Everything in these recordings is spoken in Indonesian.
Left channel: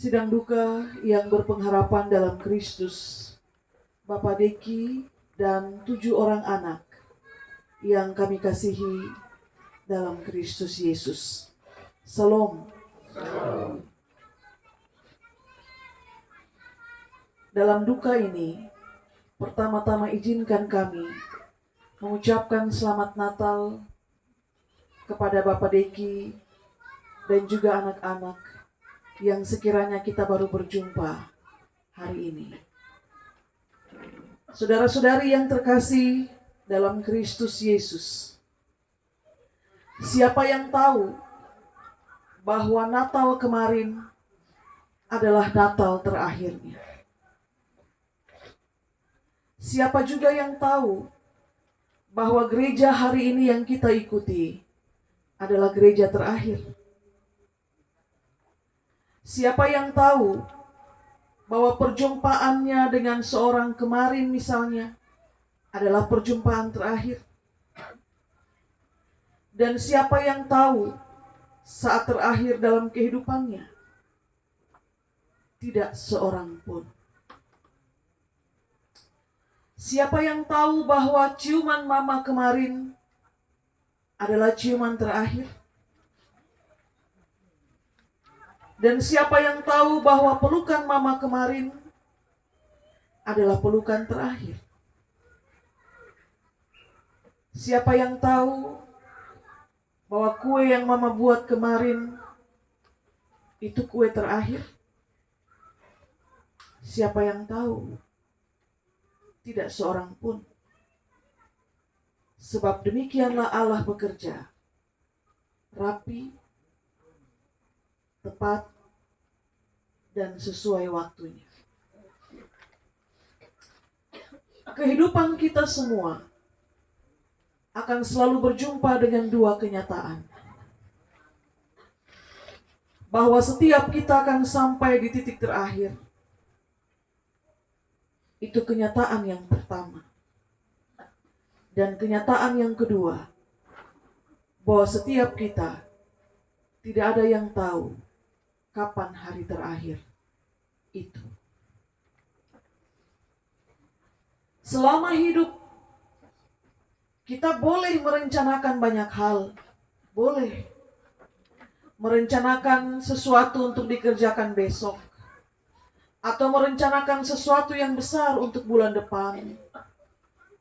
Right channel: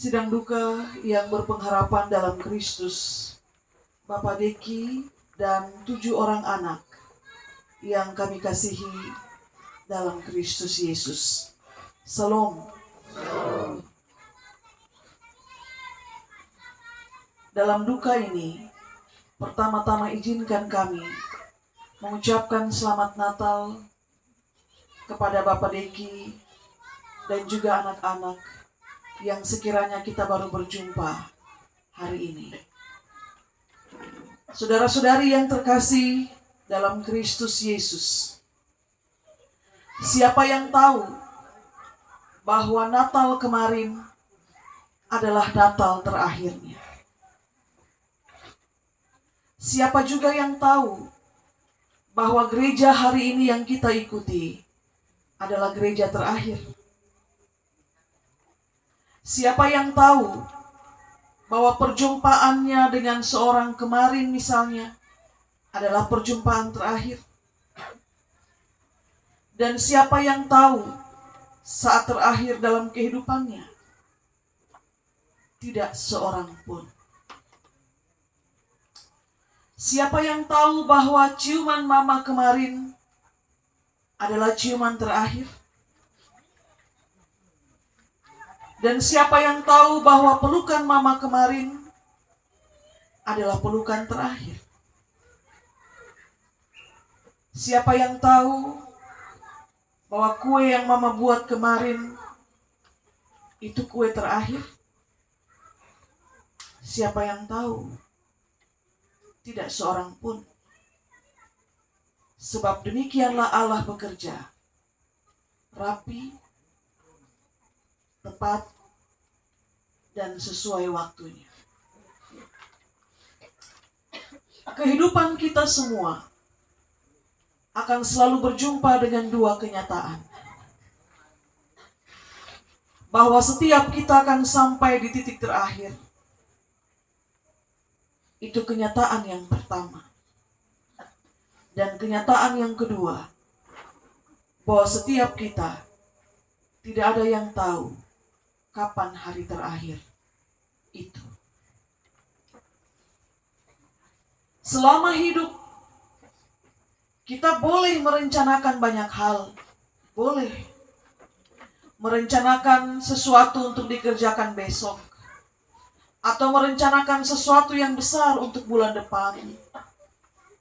Sidang duka yang berpengharapan dalam Kristus, Bapak Deki dan 7 orang anak yang kami kasihi dalam Kristus Yesus. Salam. Dalam duka ini, pertama-tama izinkan kami mengucapkan selamat Natal kepada Bapak Deki dan juga anak-anak yang sekiranya kita baru berjumpa hari ini. Saudara-saudari yang terkasih dalam Kristus Yesus, siapa yang tahu bahwa Natal kemarin adalah Natal terakhirnya? Siapa juga yang tahu bahwa gereja hari ini yang kita ikuti adalah gereja terakhir? Siapa yang tahu bahwa perjumpaannya dengan seorang kemarin misalnya adalah perjumpaan terakhir? Dan siapa yang tahu saat terakhir dalam kehidupannya? Tidak seorang pun. Siapa yang tahu bahwa ciuman mama kemarin adalah ciuman terakhir? Dan siapa yang tahu bahwa pelukan mama kemarin adalah pelukan terakhir? Siapa yang tahu bahwa kue yang mama buat kemarin itu kue terakhir? Siapa yang tahu? Tidak seorang pun. Sebab demikianlah Allah bekerja, rapi, tepat, dan sesuai waktunya. Kehidupan kita semua akan selalu berjumpa dengan dua kenyataan. Bahwa setiap kita akan sampai di titik terakhir. Itu kenyataan yang pertama. Dan kenyataan yang kedua, bahwa setiap kita tidak ada yang tahu kapan hari terakhir itu. Selama hidup, kita boleh merencanakan banyak hal. Boleh merencanakan sesuatu untuk dikerjakan besok. Atau merencanakan sesuatu yang besar untuk bulan depan.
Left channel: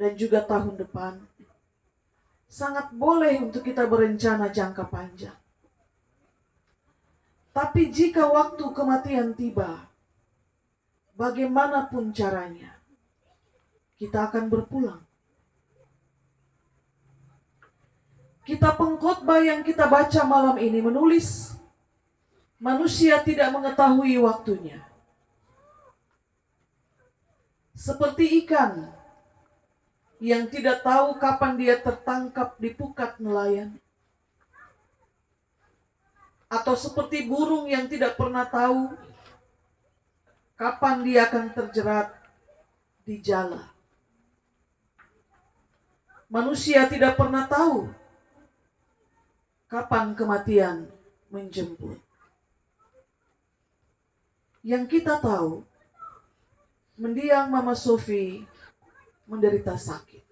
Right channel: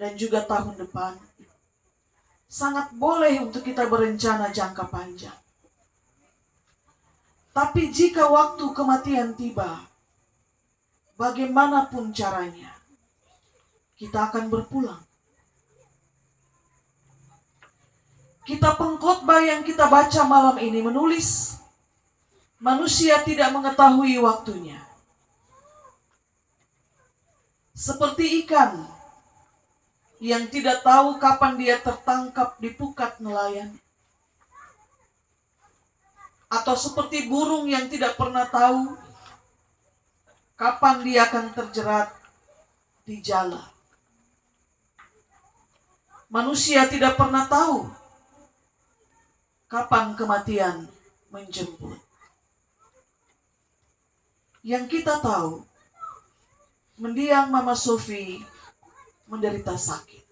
Dan juga tahun depan. Sangat boleh untuk kita berencana jangka panjang. Tapi jika waktu kematian tiba, bagaimanapun caranya, kita akan berpulang. Kitab pengkhotbah yang kita baca malam ini menulis, manusia tidak mengetahui waktunya. Seperti ikan yang tidak tahu kapan dia tertangkap di pukat nelayan. Atau seperti burung yang tidak pernah tahu kapan dia akan terjerat di jala. Manusia tidak pernah tahu kapan kematian menjemput. Yang kita tahu, mendiang Mama Sophie menderita sakit.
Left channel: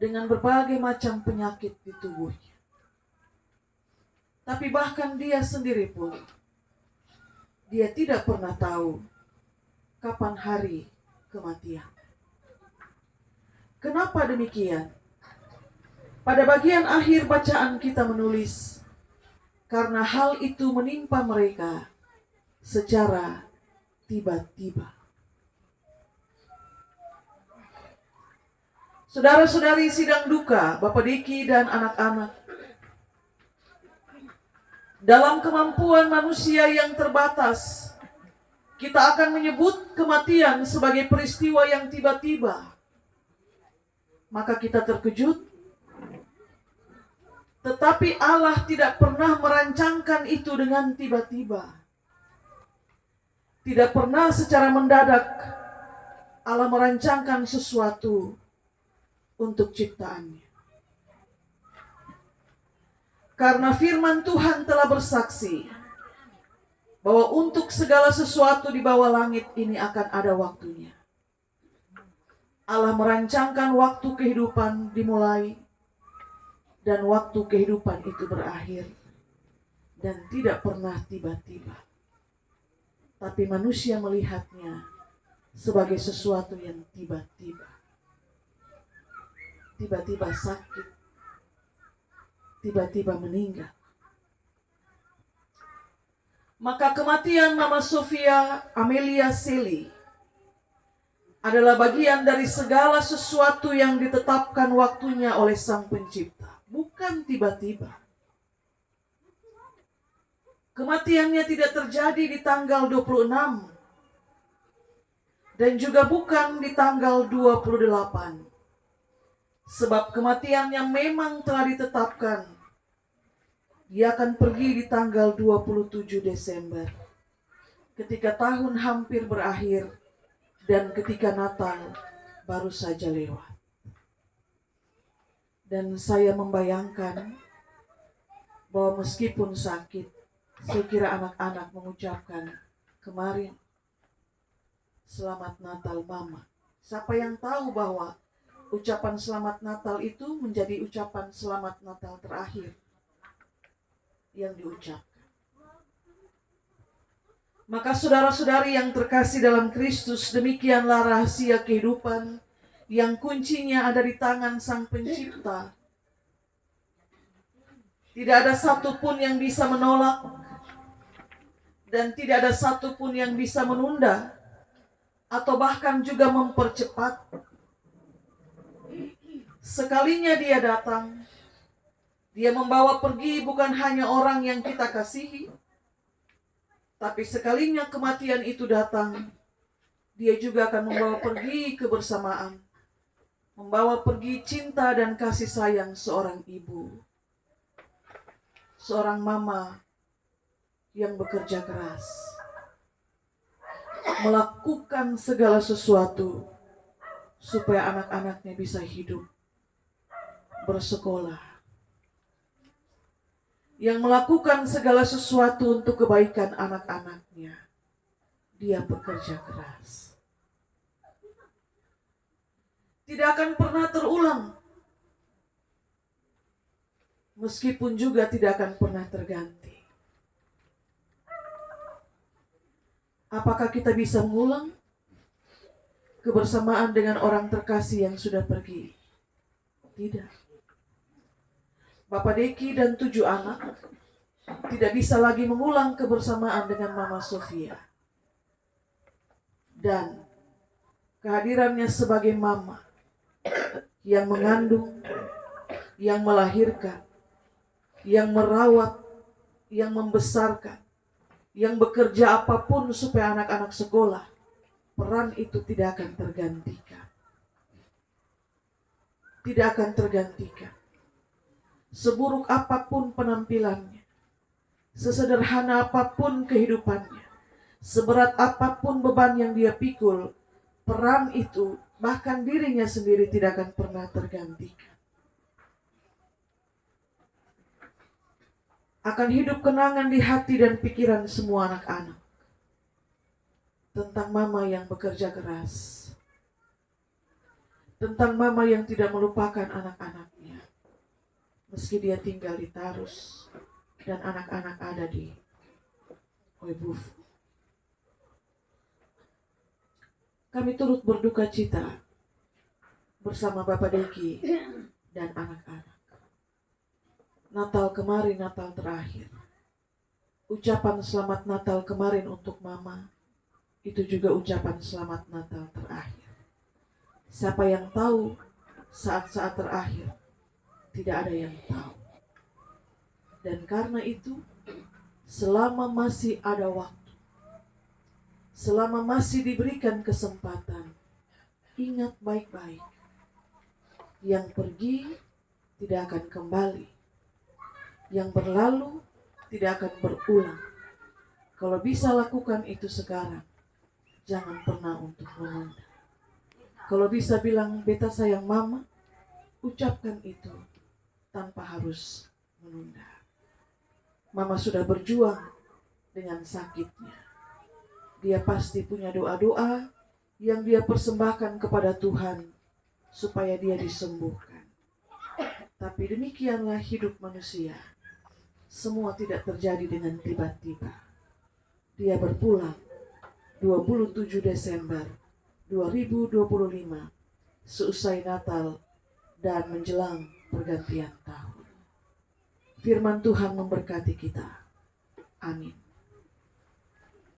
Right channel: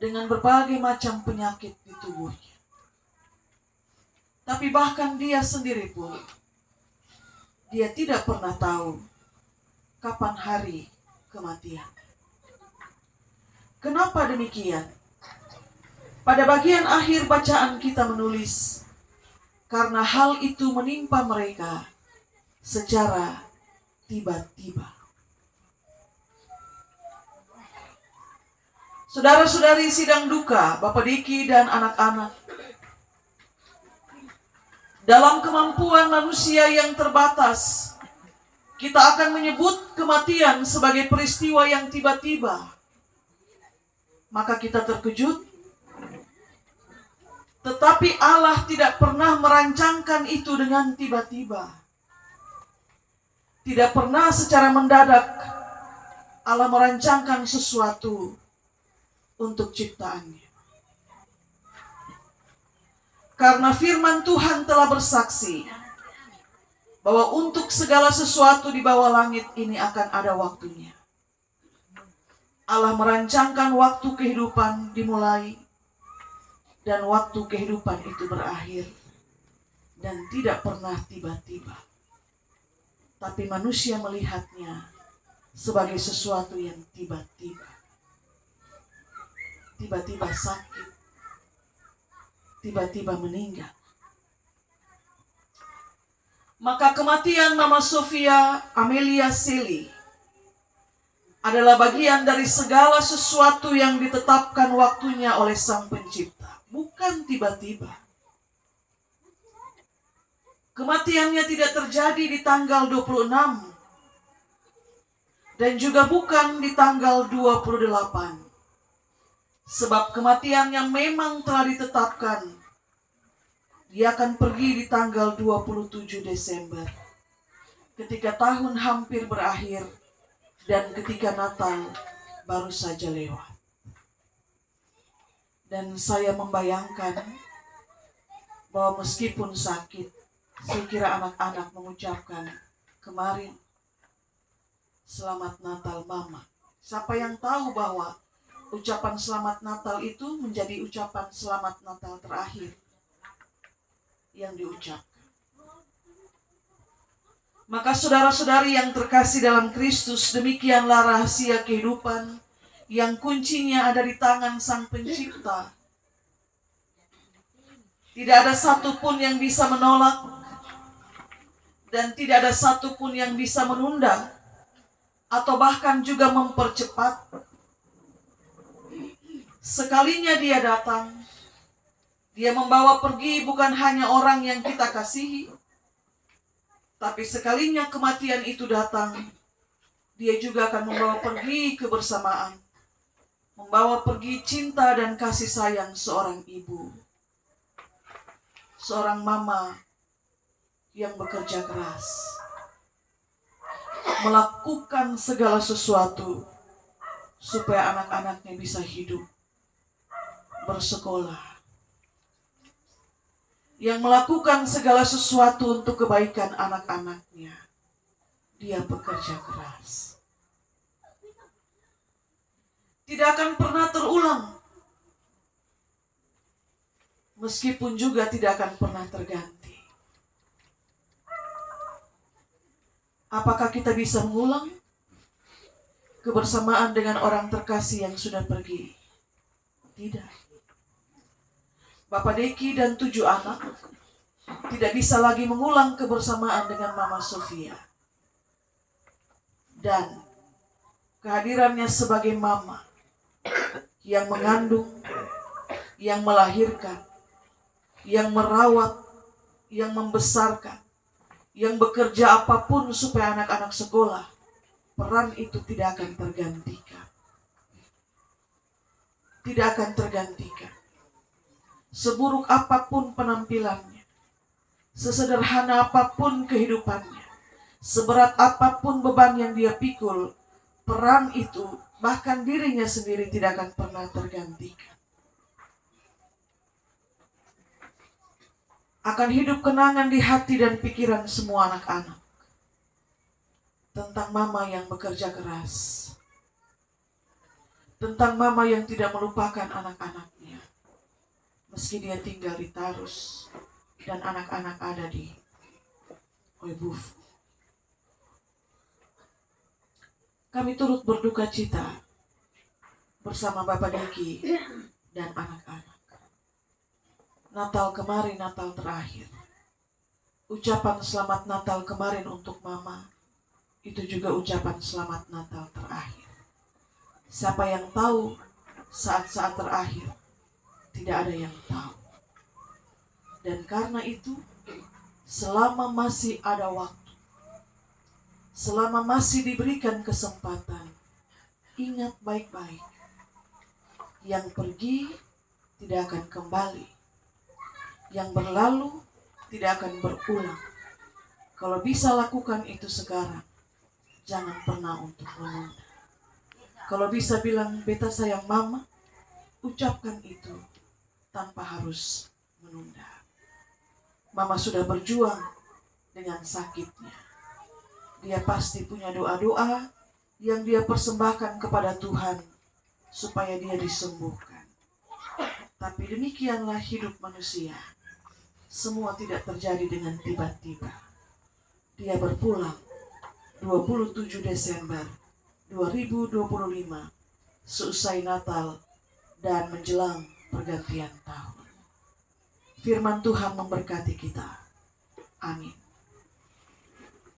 Dengan berbagai macam penyakit di tubuhnya. Tapi bahkan dia sendiri pun, dia tidak pernah tahu kapan hari kematian. Kenapa demikian? Pada bagian akhir bacaan kita menulis, karena hal itu menimpa mereka secara tiba-tiba. Saudara-saudari sidang duka, Bapak Diki dan anak-anak, dalam kemampuan manusia yang terbatas, kita akan menyebut kematian sebagai peristiwa yang tiba-tiba. Maka kita terkejut. Tetapi Allah tidak pernah merancangkan itu dengan tiba-tiba. Tidak pernah secara mendadak Allah merancangkan sesuatu untuk ciptaannya. Karena firman Tuhan telah bersaksi bahwa untuk segala sesuatu di bawah langit ini akan ada waktunya. Allah merancangkan waktu kehidupan dimulai dan waktu kehidupan itu berakhir, dan tidak pernah tiba-tiba. Tapi manusia melihatnya sebagai sesuatu yang tiba-tiba. Tiba-tiba sakit, tiba-tiba meninggal. Maka kematian Mama Sofia Amelia Selly adalah bagian dari segala sesuatu yang ditetapkan waktunya oleh Sang Pencipta. Bukan tiba-tiba. Kematiannya tidak terjadi di tanggal 26. Dan juga bukan di tanggal 28. Sebab kematiannya memang telah ditetapkan. Dia akan pergi di tanggal 27 Desember. Ketika tahun hampir berakhir dan ketika Natal baru saja lewat. Dan saya membayangkan bahwa meskipun sakit, saya kira anak-anak mengucapkan kemarin, Selamat Natal Mama. Siapa yang tahu bahwa ucapan Selamat Natal itu menjadi ucapan Selamat Natal terakhir yang diucapkan. Maka saudara-saudari yang terkasih dalam Kristus, demikianlah rahasia kehidupan yang kuncinya ada di tangan Sang Pencipta. Tidak ada satupun yang bisa menolak dan tidak ada satupun yang bisa menunda atau bahkan juga mempercepat. Sekalinya dia datang, dia membawa pergi bukan hanya orang yang kita kasihi, tapi sekalinya kematian itu datang, dia juga akan membawa pergi kebersamaan, membawa pergi cinta dan kasih sayang seorang ibu, seorang mama yang bekerja keras, melakukan segala sesuatu supaya anak-anaknya bisa hidup, bersekolah, yang melakukan segala sesuatu untuk kebaikan anak-anaknya. Dia bekerja keras. Tidak akan pernah terulang. Meskipun juga tidak akan pernah terganti. Apakah kita bisa mengulang kebersamaan dengan orang terkasih yang sudah pergi? Tidak. Bapak Deki dan 7 anak tidak bisa lagi mengulang kebersamaan dengan Mama Sofia. Dan kehadirannya sebagai mama yang mengandung, yang melahirkan, yang merawat, yang membesarkan, yang bekerja apapun supaya anak-anak sekolah, peran itu tidak akan tergantikan. Tidak akan tergantikan. Seburuk apapun penampilannya, sesederhana apapun kehidupannya, seberat apapun beban yang dia pikul, peran itu, bahkan dirinya sendiri tidak akan pernah tergantikan. Akan hidup kenangan di hati dan pikiran semua anak-anak tentang mama yang bekerja keras, tentang mama yang tidak melupakan anak-anaknya meski dia tinggal di Tarus dan anak-anak ada di Oibuf. Kami turut berduka cita bersama Bapak Deki dan anak-anak. Natal kemarin, Natal terakhir. Ucapan selamat Natal kemarin untuk Mama, itu juga ucapan selamat Natal terakhir. Siapa yang tahu saat-saat terakhir? Tidak ada yang tahu. Dan karena itu, selama masih ada waktu, selama masih diberikan kesempatan, ingat baik-baik. Yang pergi tidak akan kembali. Yang berlalu tidak akan berulang. Kalau bisa lakukan itu sekarang, jangan pernah untuk menunda. Kalau bisa bilang, beta sayang mama, ucapkan itu tanpa harus menunda. Mama sudah berjuang dengan sakitnya. Dia pasti punya doa-doa yang dia persembahkan kepada Tuhan supaya dia disembuhkan. Tapi demikianlah hidup manusia. Semua tidak terjadi dengan tiba-tiba. Dia berpulang 27 Desember 2025 seusai Natal dan menjelang pergantian tahun. Firman Tuhan memberkati kita. Amin.